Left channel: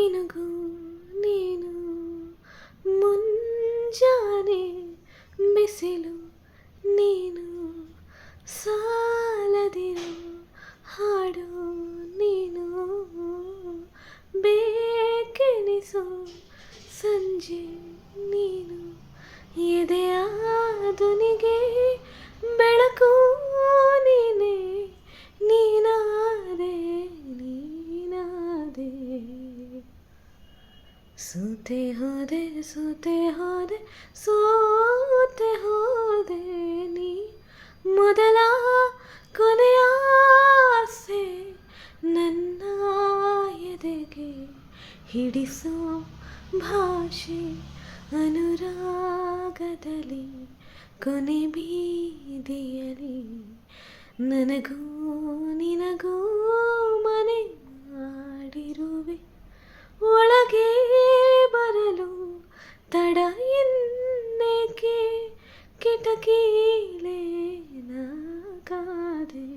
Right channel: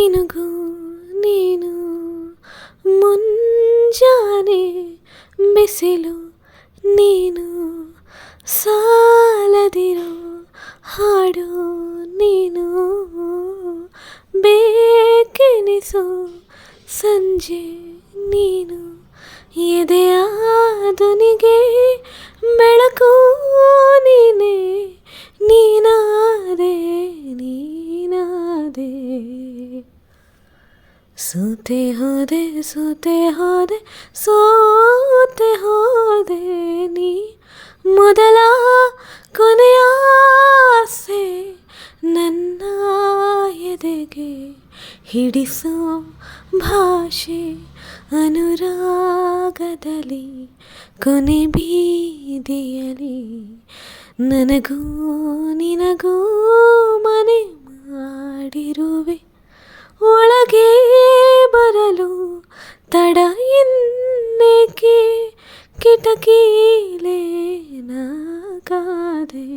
ಮಿನುಗು ನೀನು ಮುಂಜಾನೆ ಬಿಸಿಲು ನೀನು ಸಾಲದಿರೋ ಹಾಡು ನೀನು ಬೇಕೆನಿಸು ಸಂಜೆ ನೀನು ಎದೆಯ ಧ್ವನಿಗೆ ಬೆಳಕು ನೀನೇ ನೀನಾದೆ ನೀನಾದೆ ಸೋತೆ ಹೋದೆ ಸೋತೆ ಹೋದೆ ಸೋತೆ ಹೋದೆ ನೀ ಮೊದಲ ಕೊನೆಯ ಆಸೆ ನನ್ನ ಎದೆಗೆ ಹಿಡಿಸೋ ಭಾಷೆ ಅನುರಾಗದಲ್ಲಿ ಕೊನೆ ಬೀದಿಯಲಿ ನನಗೂ ನಿನಗೂ ಮನೆ ಮಾಡಿರುವೆ ಒಳಗೆ ಬರಲು ತಡ ಇನ್ನೇಕೆ ಕಿಟಕಿಲೇ ನಾಗಾದೆ